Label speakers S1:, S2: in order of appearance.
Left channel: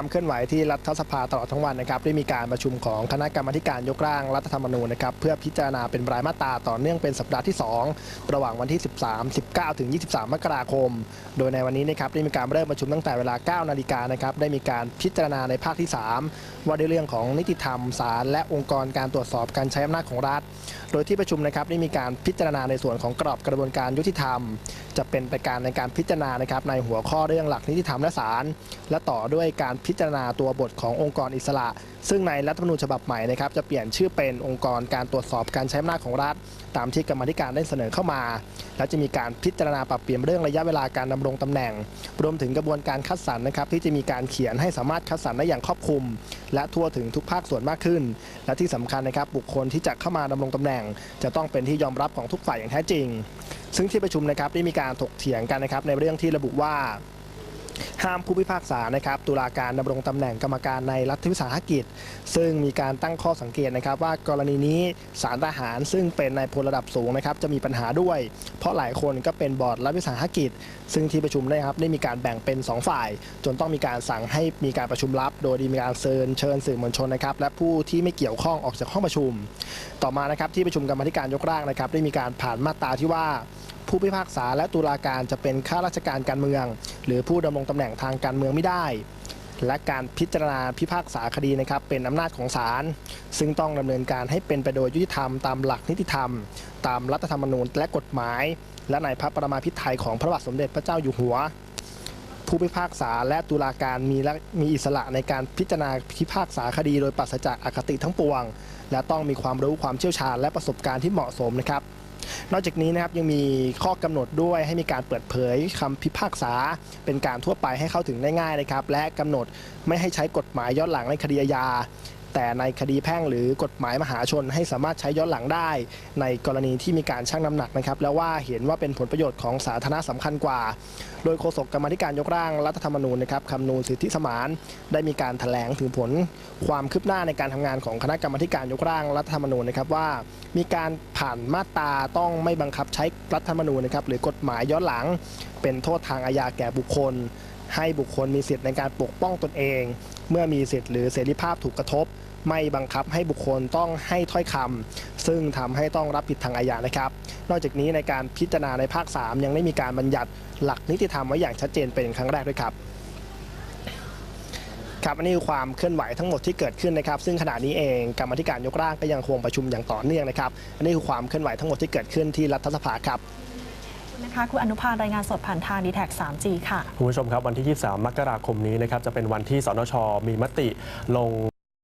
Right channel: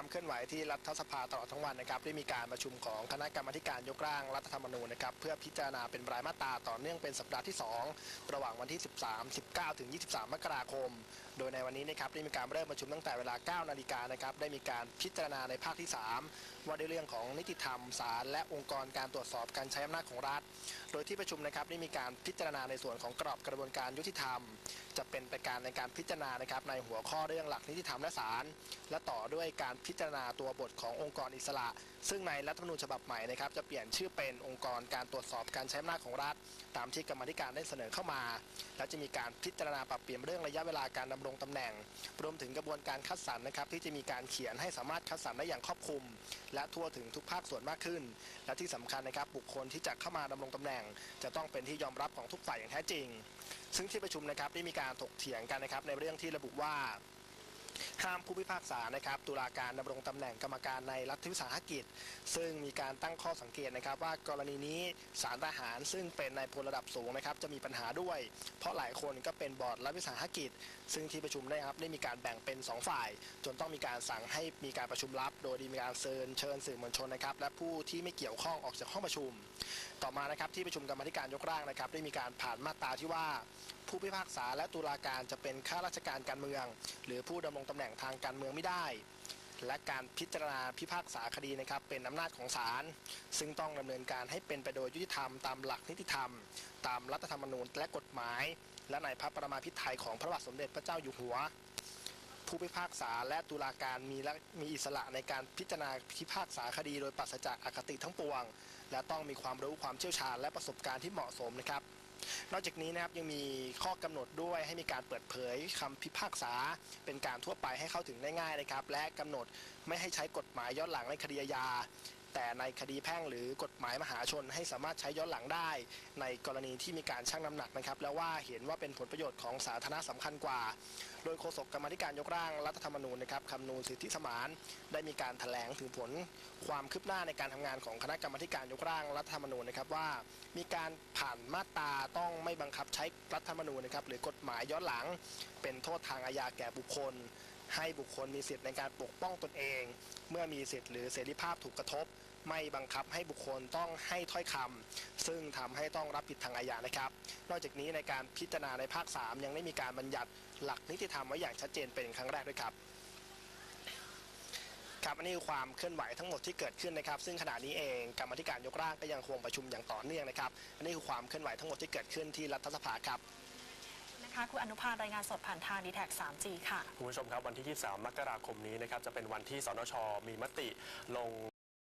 S1: ความเคลื่อนไหวที่รัฐสภาตลอดทั้งวันนะครับได้มีการประชุมของคณะกรรมาธิการยกร่างรัฐธรรมนูญนะครับเพื่อพิจารณาเป็นรายมาตราต่อเนื่องเป็นสัปดาห์ที่ 2 ระหว่างวันที่ 13 19 ถึง 23 มกราคม โดยในวันนี้นะครับได้มีการเริ่มประชุมตั้งแต่เวลา 9 นาฬิกานะครับได้มีการพิจารณาในภาคที่ 3 ว่าด้วยเรื่องของนิติธรรมศาลและองค์กรการตรวจสอบการใช้อำนาจของรัฐ โดยที่ประชุมนะครับได้มีการพิจารณาในส่วนของกรอบกระบวนการยุติธรรม จะเป็นไปการในการพิจารณานะครับในหัวข้อเรื่องหลักนิติธรรมและศาลและต่อด้วยการพิจารณาตัวบทขององค์กรอิสระ ซึ่งในรัฐธรรมนูญฉบับใหม่นะครับจะเปลี่ยนชื่อเป็นองค์กรการตรวจสอบการใช้อำนาจของรัฐ ตามที่กรรมธิการได้เสนอเข้ามา และจะมีการพิจารณาปรับเปลี่ยนเรื่องระยะเวลาการดำรงตำแหน่ง รวมถึงกระบวนการคัดสรรนะครับที่จะมีการเขียนให้สามารถคัดสรรได้อย่างครอบคลุม และทั่วถึงทุกภาคส่วนมากขึ้น และที่สำคัญนะครับบุคคลที่จะเข้ามาดำรงตำแหน่ง จะต้องเป็นที่ยอมรับของทุกฝ่ายอย่างแท้จริง ซึ่งที่ประชุมนะครับได้มีการถกเถียงกันนะครับในเรื่องที่ระบุว่า ห้ามผู้พิพากษานะครับตุลาการดำรงตำแหน่งกรรมการในรัฐวิสาหกิจ ซึ่งมีการตั้งข้อสังเกตนะครับ ว่ากรณีนี้สารทหารซึ่งเป็นนายพลระดับสูงนะครับจะมีปัญหาด้วย เพราะหลายคนก็เป็นบอร์ดรัฐวิสาหกิจ ซึ่งที่ประชุมได้ครับได้มีการแบ่งเป็น 2 ฝ่าย จนต้องมีการสั่งให้มีการประชุมลับ โดยมีการเชิญเชิญสื่อมวลชนนะครับและผู้ที่ไม่เกี่ยวข้องออกจากห้องประชุม ต่อมานะครับที่ประชุมกรรมธิการยกร่างนะครับได้มีการผ่านมาตราที่ว่า ผู้พิพากษาและตุลาการจะเป็นข้าราชการการเมือง หรือผู้ดำรงตำแหน่งทางการเมืองไม่ได้ และการพิจารณาพิพากษาคดีนะครับเป็นอำนาจของศาลซึ่งต้องดำเนินการให้เป็นไปโดยยุติธรรมตามหลักนิติธรรม ตามรัฐธรรมนูญและกฎหมาย และในพระประมาพิไทยของพระบาทสมเด็จพระเจ้าอยู่หัว ผู้พิพากษาและตุลาการมีมีอิสระในการพิจารณาพิพากษาคดีโดยปราศจากอคติทั้งปวง และต้องมีความรู้ความเชี่ยวชาญและประสบการณ์ที่เหมาะสมนะครับ นอกจากนี้นะครับยังมีข้อกำหนดด้วยให้มีการเปิดเผยคำพิพากษา เป็นการทั่วไปให้เข้าถึงได้ง่ายนะครับและกำหนดไม่ให้ใช้กฎหมายย้อนหลังในคดีอาญา แต่ในคดีแพ่งหรือกฎหมายมหาชนให้สามารถใช้ย้อนหลังได้ ในกรณีที่มีการชั่งน้ำหนักนะครับ แล้วว่าเห็นว่าเป็นผลประโยชน์ของสาธารณะสำคัญกว่า โดยโฆษกกรรมธิการยกร่างรัฐธรรมนูญนะครับคำนูนสิทธิสมานได้มีการแถลงถึงผลความคืบหน้าในการทำงานของคณะกรรมธิการยกร่างรัฐธรรมนูญนะครับว่า มีการผ่านมาตราต้องไม่บังคับใช้รัฐธรรมนูญนะครับหรือกฎหมายย้อนหลัง เป็นโทษทางอาญาแก่บุคคล ให้บุคคลมีสิทธิ์ในการปกป้องตนเอง เมื่อมีสิทธิ์หรือเสรีภาพถูกกระทบ ไม่บังคับให้บุคคลต้องให้ถ้อยคำซึ่งทำให้ต้องรับผิดทางอาญานะครับ นอกจากนี้ในการพิจารณาในภาค 3 ยังได้มีการบัญญัติหลักนิติธรรมไว้อย่างชัดเจนเป็นครั้งแรกด้วยครับครับอันนี้คือความเคลื่อนไหวทั้งหมดที่เกิดขึ้นนะครับ ซึ่งขณะนี้เองกรรมธิการยกร่างก็ยังคงประชุมอย่างต่อเนื่องนะครับ อันนี้คือความเคลื่อนไหวทั้งหมดที่เกิดขึ้นที่รัฐสภาครับ
S2: นะคะคุณอนุพานรายงานสดผ่านทางดีแท็ 3G ค่ะ
S3: คุณผู้ชมครับ วันที่ 23 มกราคมนี้นะครับจะเป็นวันที่สนชมีมติลง